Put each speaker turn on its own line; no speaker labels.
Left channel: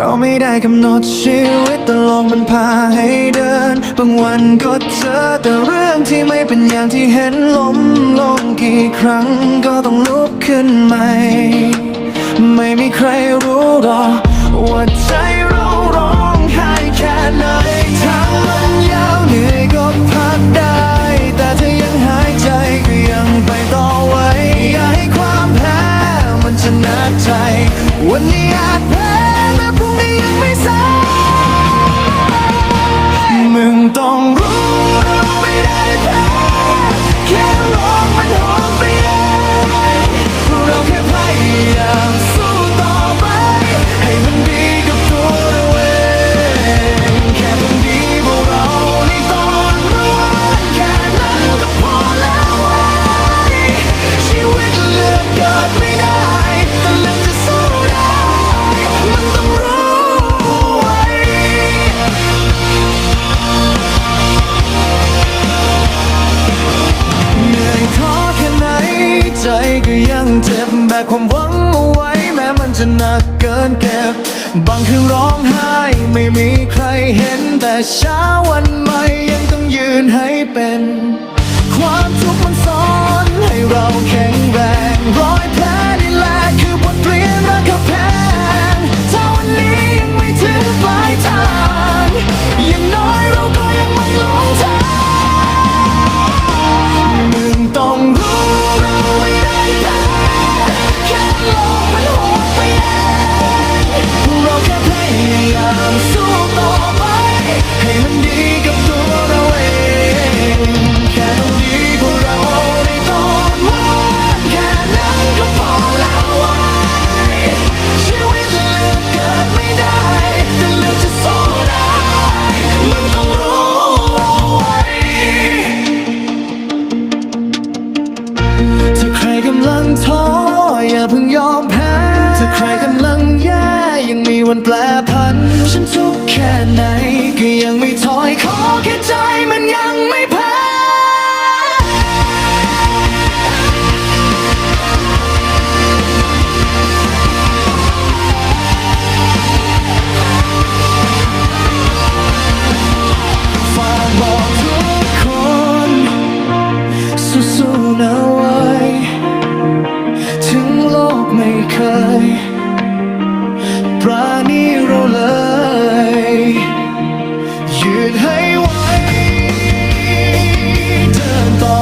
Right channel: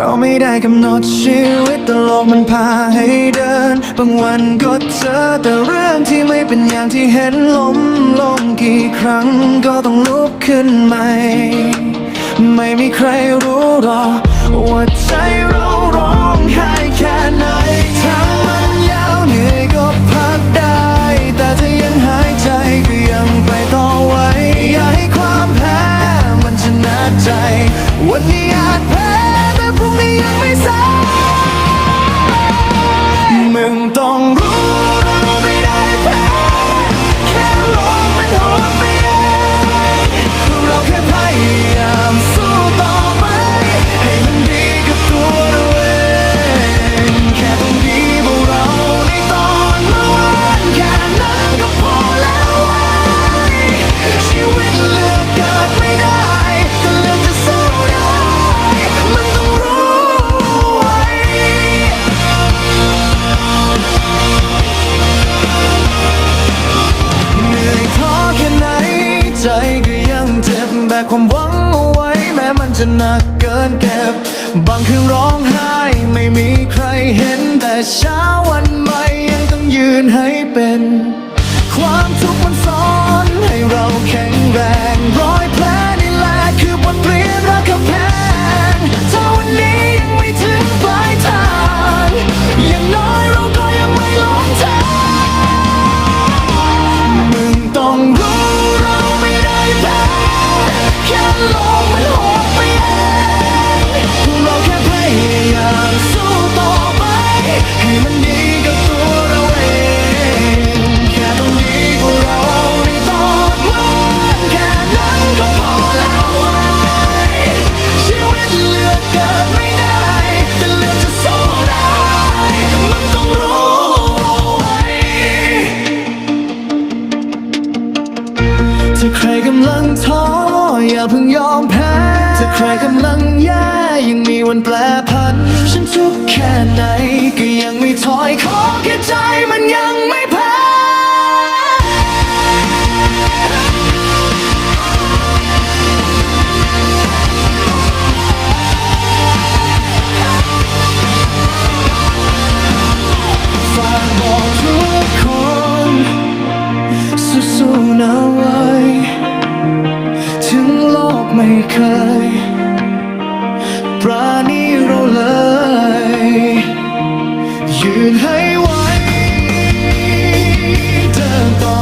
เราไม่ได้กำหนดชีวิตตลกมันพาให้เดิน บางวันก็เจอแต่เรื่องที่ไม่เป็นอย่างที่เห็นล้มลงกี่ครั้งก็ต้องลุกขึ้นใหม่ ไม่มีใครรู้หรอกว่าใจเราร้องไห้แค่ไหนทางมันยาวเหนื่อยก็พักได้ แต่ถ้ายังหายใจก็ยังไปต่อไว้ อย่าให้ความแพ้มันชนะใจ วันนี้อาจแพ้ พรุ่งนี้ยังไม่สายมึงต้องรู้ ใจก็ยังเจ็บแบกความหวังเอาไว้ แม้มันจะหนักเกินเก็บ บางคืนร้องไห้ไม่มีใครเห็น แต่เช้าวันใหม่ยังต้องยืนให้เป็น ความทุกข์มันสอนให้เราแข็งแรงรอยาใครกำลังท้ออย่าเพิ่งยอมแพ้ ถ้าใครกำลังแย่ยังมีวันแปลผัน ฉันทุกข์แค่ไหนก็ยังไม่ถอยขอแค่ใจมันยังไม่แพ้ฝากบอกทุก สู้ๆนะไว้ ถึงโลกไม่เคย ปราณีเราเลย ยืนให้ไว้ เดินต่อ